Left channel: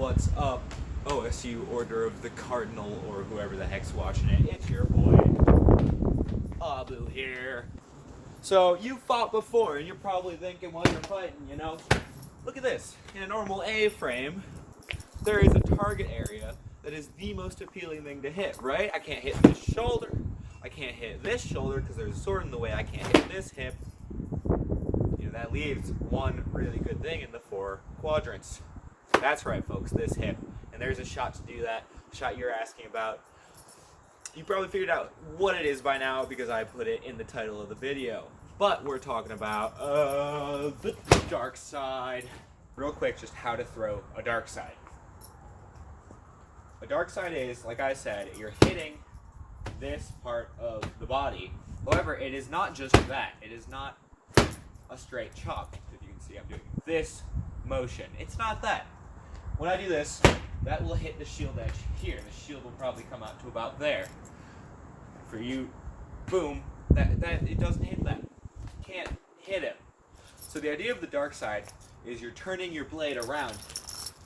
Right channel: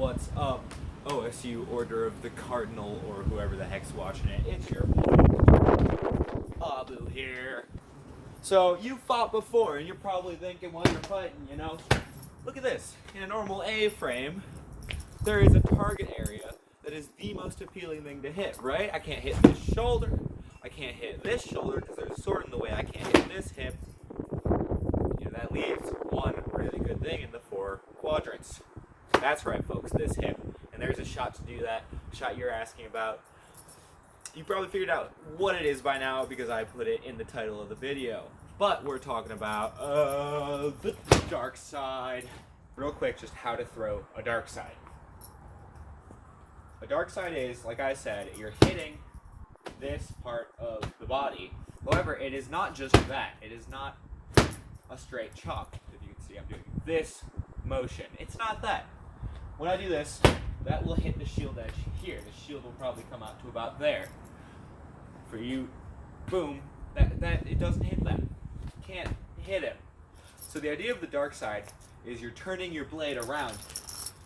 What's up, OSU Order of the Cardinal, or whoever the heck's watching it? It's your boy, Abu here. So, you fought before, and you're probably thinking while you're fighting, you know, look at this. In a normal A-frame, there is a target area that is the most appealing thing to hit, right? I can't hit this shoulder. I can't hit this shoulder because there's a sword in the way. I can't hit this hip. You know, that leaves one really good thing in the 4 quadrants. That's right, folks, this hip. And there's a shot to do that, shot you're asking about. You probably figured out what it is by now because I put it in the title of the video. But we're talking about the dark side. Real quick, just how to throw a dark side. A dark side is, like I said, you're hitting this part of the body. However, it is not just that. It is not a straight chop. If you can see, I'm doing this motion. It's not that. When I do this, that will hit the shield edge here. The shield will probably come out to about there. For you, boom, that it doesn't hit that. Can't hit him. So the idea of the dark side is you're turning your blade around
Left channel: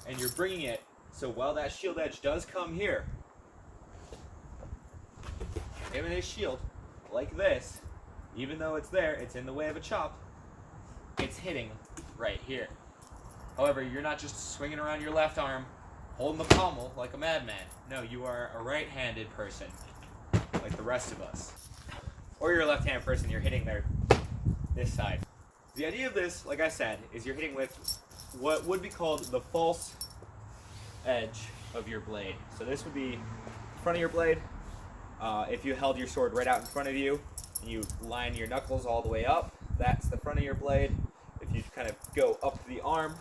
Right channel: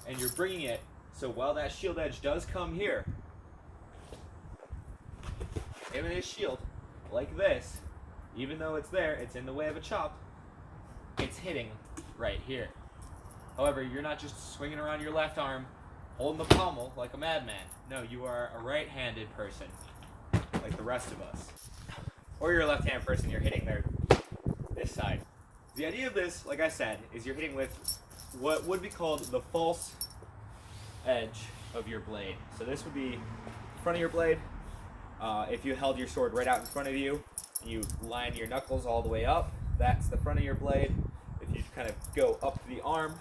and you're bringing it so while that shield edge does come here, him and his shield, like this, even though it's there, it's in the way of a chop, it's hitting right here. However, you're not just swinging around your left arm, holding the pommel like a madman. No, you are a right-handed person, like the rest of us. Or you're a left-handed person, you're hitting this side. The idea of this, like I said, is you're hitting with what would be called the false edge of your blade. So this would be front of your blade. If you held your sword right out in front of you and you line your knuckles all the way up, that's the front of your blade. If you kind of go up the arm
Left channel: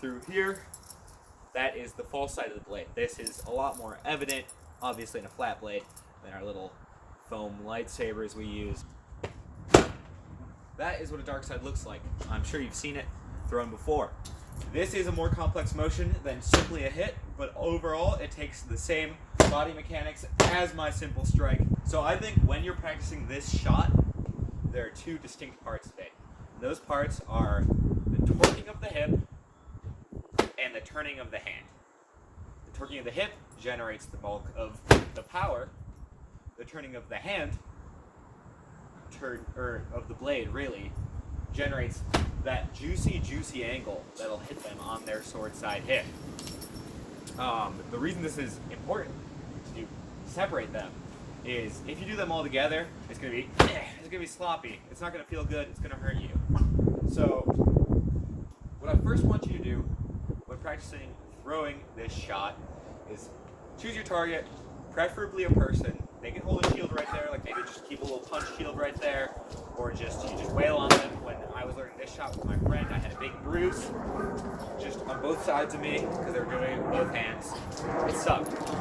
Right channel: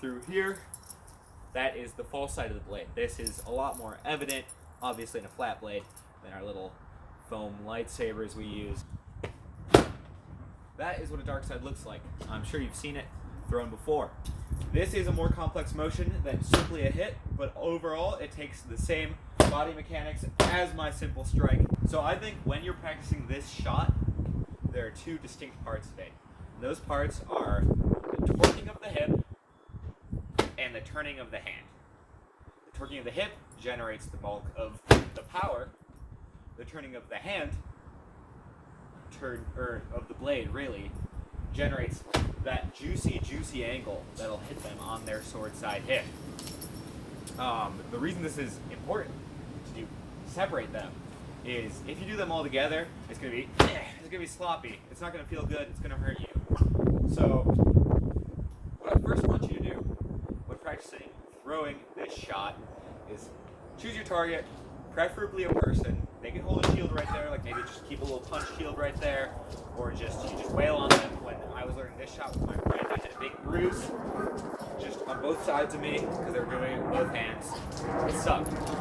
through here, that is the false side of the blade. This is a lot more evident, obviously, in a flat blade than our little foam lightsabers we use. That is what a dark side looks like. I'm sure you've seen it thrown before. This is a more complex motion than simply a hit, but overall it takes the same body mechanics as my simple strike. So I think when you're practicing this shot, there are 2 distinct parts of it. Those parts are the torquing of the hip and the turning of the hand. The torquing of the hip generates the bulk of the power. The turning of the hand, of the blade really, generates that juicy angle that'll hit them on their sword side hip. The reason this is important to separate them is if you do them all together, it's gonna be sloppy. It's not gonna feel good. It's gonna hurt you. So what I first want you to do when practicing throwing this shot is choose your target, preferably a person. They can hold a shield right there, like maybe just keep a little punch shield right there, or you just wail on them. When I was learning this shot with my friend, I had a big bruise just on both sides of me because they were doing it with both hands. It sucked. But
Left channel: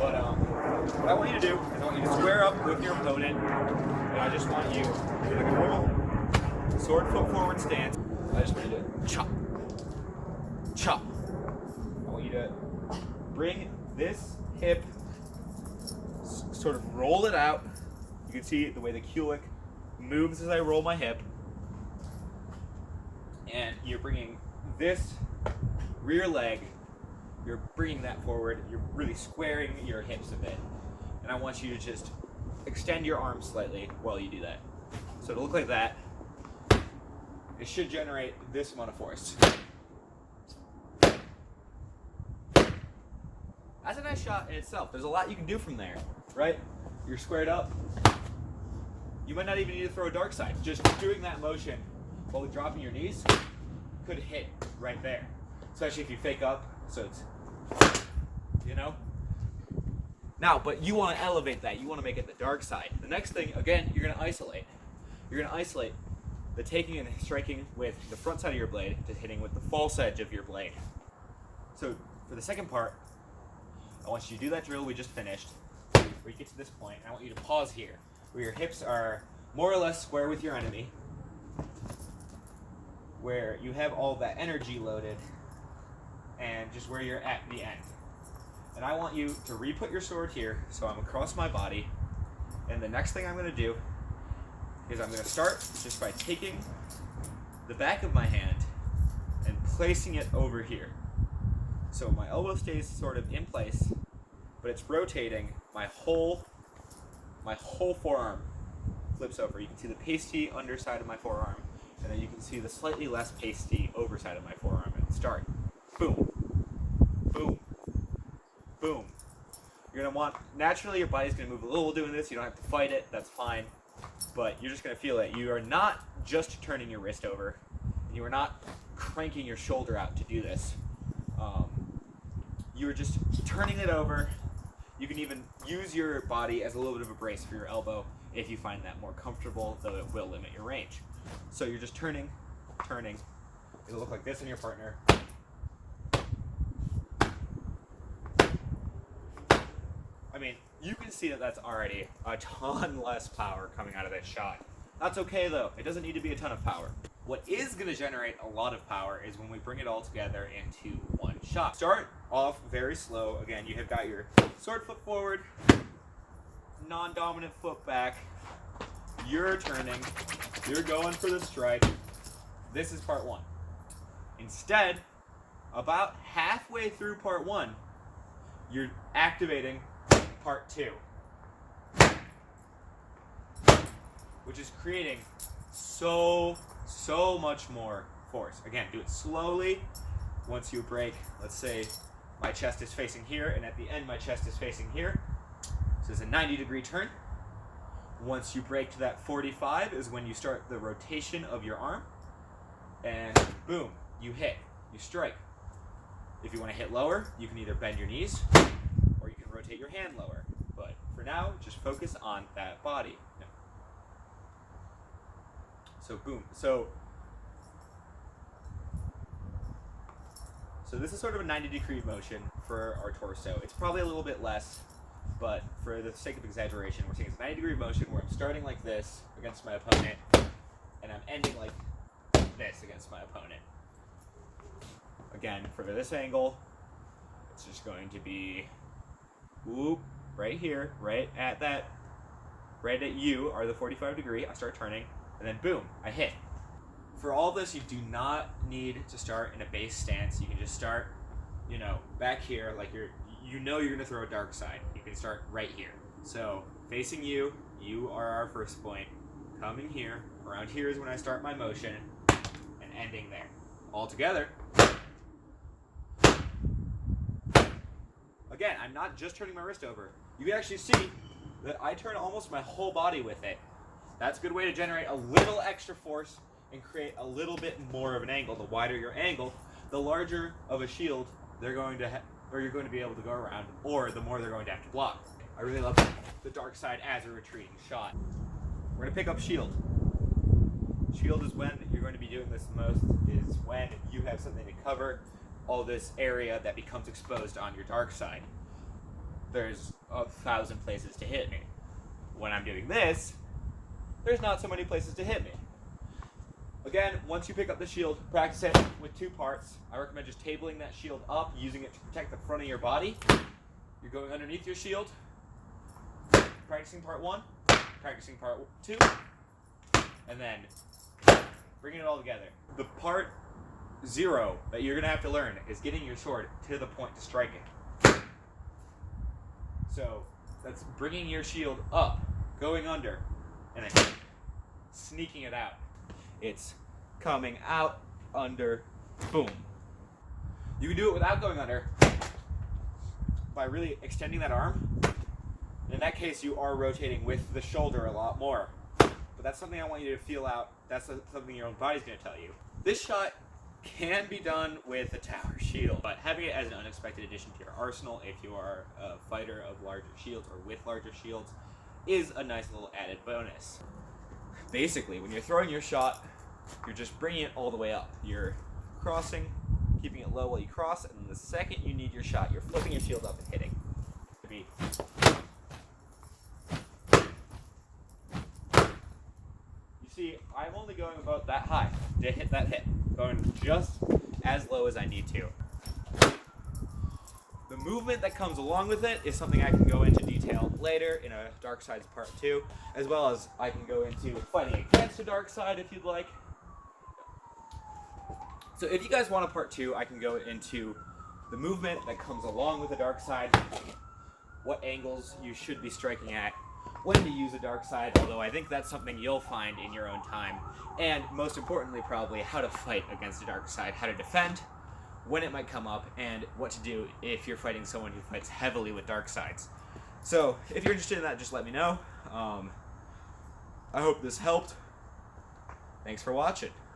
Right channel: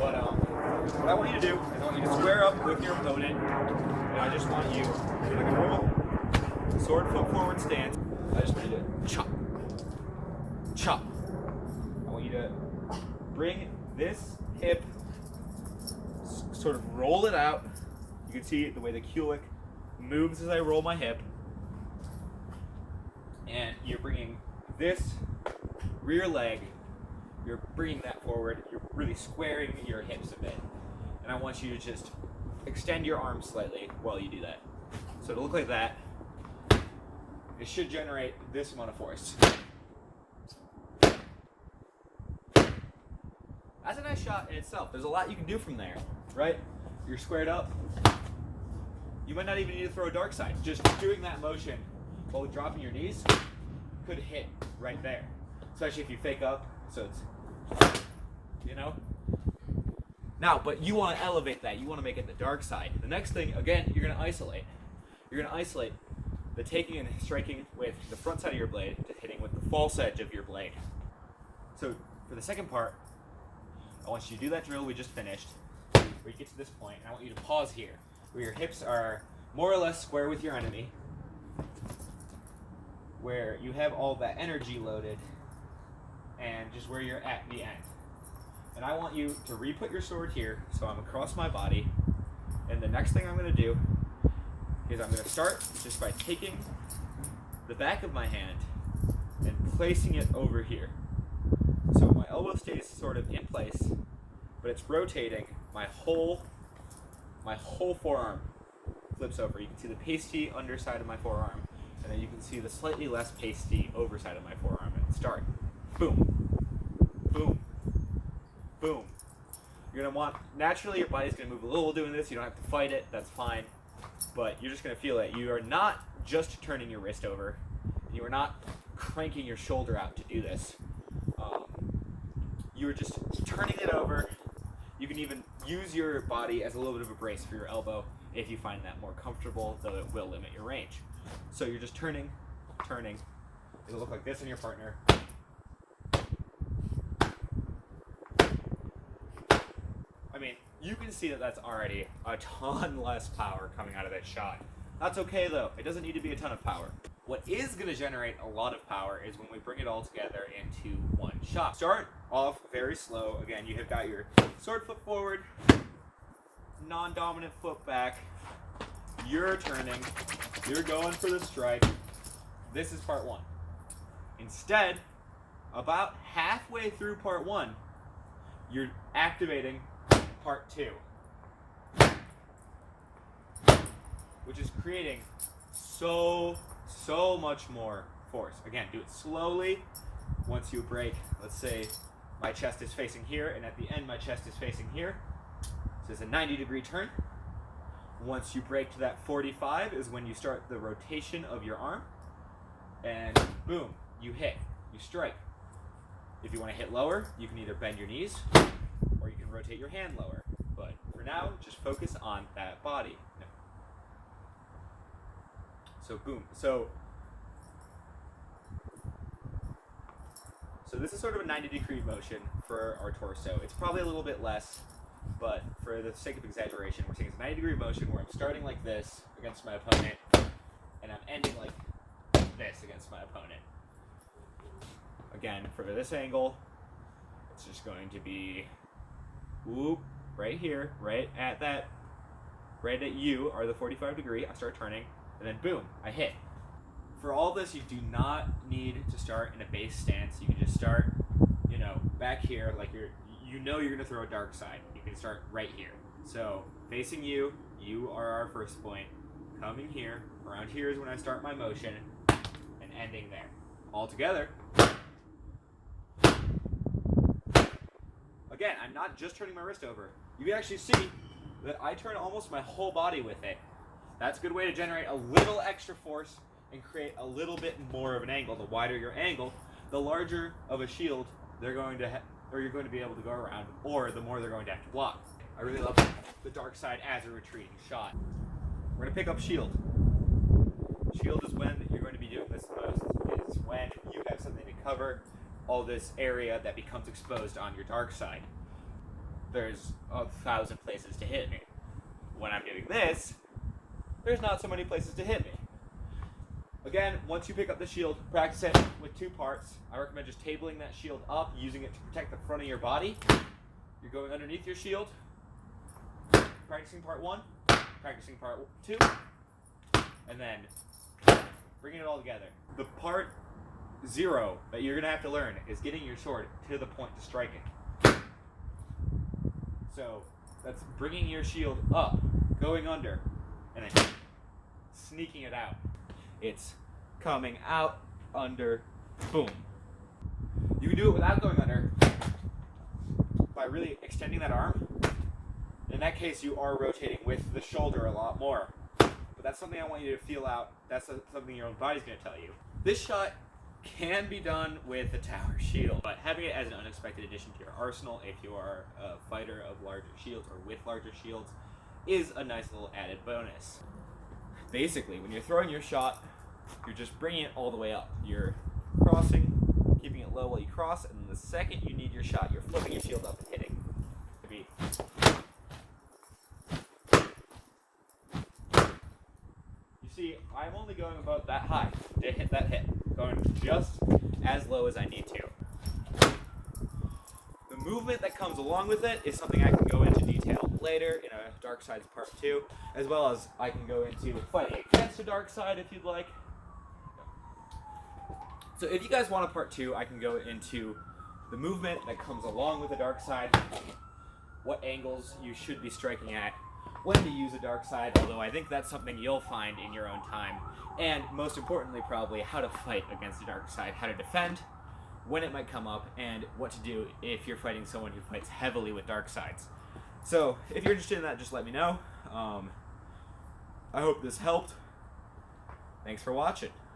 what I want you to do is I want you to square up with your opponent, and I just want you to do like a normal sword foot forward stance. I just want you to chop, chop. I want you to bring this hip, sort of roll it out. You can see the way the Kulik moves as I roll my hip. And you're bringing this rear leg, you're bringing that forward, you're really squaring your hips a bit. And I want you to just extend your arms slightly while you do that. So to look like that, it should generate this amount of force. That's a nice shot in itself. There's a lot you can do from there, right? You're squared up. You might not even need to throw a dark side. Just doing that motion while dropping your knees could hit right there. Especially if you fake up, so it's, you know? Now, but you want to elevate that. You want to make it the dark side. The next thing, again, you're going to isolate. You're going to isolate the taking and striking with the front side of your blade to hitting with the false edge of your blade. So for the second part, I want you to do that drill we just finished, where you get to this point, and I want you to pause here, where your hips are more or less square with your enemy, where you have all that energy loaded, and just where you're at the end. And I want you to re-put your sword here, so I'm across my body, and the next thing I'm going to do is I'm going to start just by taking the back of my hand and placing it over here. So my elbow stays sort of in place, but it's rotating. My whole forearm flips over. You can see the pasty underside of my forearm, and then you can see the slightly less pasty overside of my forearm at the start. Boom, boom, boom. You're gonna want, naturally your body's gonna move a little doing this. You don't have to fight it, that's fine. But you're just gonna feel it. You are not just turning your wrist over. You are not cranking your shoulder out to do this. You're just turning it over. You can even use your body as a little bit of a brace for your elbow if you find that more comfortable, though it will limit your range. So you're just turning. It'll look like this in your partner. I mean, you can see that that's already a ton less power coming out of that shot. That's okay though, it doesn't need to be a ton of power. What is gonna generate a lot of power is when we bring it all together into one shot. Start off very slow. Again, you have got your sword foot forward, non-dominant foot back. You're turning, you're going for the strike. This is part one. Instead, about halfway through part one, you're activating part two, which is creating so much more force. Again, do it slowly. Once you break, let's say my chest is facing here, and at the end my chest is facing here. So it's a 90-degree turn. Once you break to that 45 is when you start the rotation of your arm, and boom, you hit, you strike. If you want to hit lower, you can either bend your knees or you can rotate your hand lower. But for now, just focus on that body. No. So boom. So this is sort of a 90-degree motion for our torso. It's probably a little bit less, but for the sake of exaggeration, we're saying it's a 90-degree motion where I'm starting like this against my opponent, and I'm ending like this against my opponent. Again, for this angle, it's just going to be whoop, right here, right at you are the 45 degree. I start turning, and then boom, I hit. For all this, you do not need to start in a base stance. You can just start, back here, like you're gonna throw a dark side. You can start right here. So facing you are our first point. Coming here, around here is when I start my motion, and ending there. All together. Again, I'm not just turning my wrist over. You can actually see that I turn almost my whole body with it. That's a good way to generate a little extra force and create a little bit more of an angle. The wider your angle, the larger of a shield you're going to be able to go around, or the more they're going to have to block. I really love the dark side as a retreating shot. We're going to pick up shield. Shield is when you're going to be doing this the most. It is when you have something to cover all this area that becomes exposed on your dark side. There's 1,000 places to hit me. When I'm doing this, there's not so many places to hit me. Again, once you pick up the shield, practice it with two parts. I recommend just tabling that shield up, using it to protect the front of your body. You're going underneath your shield, practicing part one, practicing part two, and then bringing it all together. The part zero that you're going to have to learn is getting your sword to the point to strike it. So that's bringing your shield up, going under, and then sneaking it out. It's coming out, under, boom. You can do it without going under by really extending that arm. In that case, you are rotating with the shoulder a lot more. But that's something I want you to feel out. That's something your own body's going to tell you. This shot can be done with a tower shield, but having it as an unexpected addition to your arsenal, if you are a fighter of larger shields or with larger shields, is a nice little added bonus. Basically, when you're throwing your shot, you're just bringing it all the way up. You're crossing, keeping it low while you cross, and then the second you need your shot, you're flipping your shield up and hitting. You see, I'm only going about that high to hit that hit, going just as low as I need to. The movement that comes along with it is something I can go into detail later in a Dark Sides Part 2, as well as I can go into fighting against a Dark Side if you'd like. So if you guys want a Part 2, I can go into the movement that comes along with the dark side, what angles you should be striking at, when to use a dark side, although I think that's something you'll find in your own time, and most importantly probably how to fight against a dark side, how to defend, when it might come up, and what to do if you're fighting someone who fights heavily with dark sides. So if you're interested in that, just let me know. I hope this helped. Thanks for watching.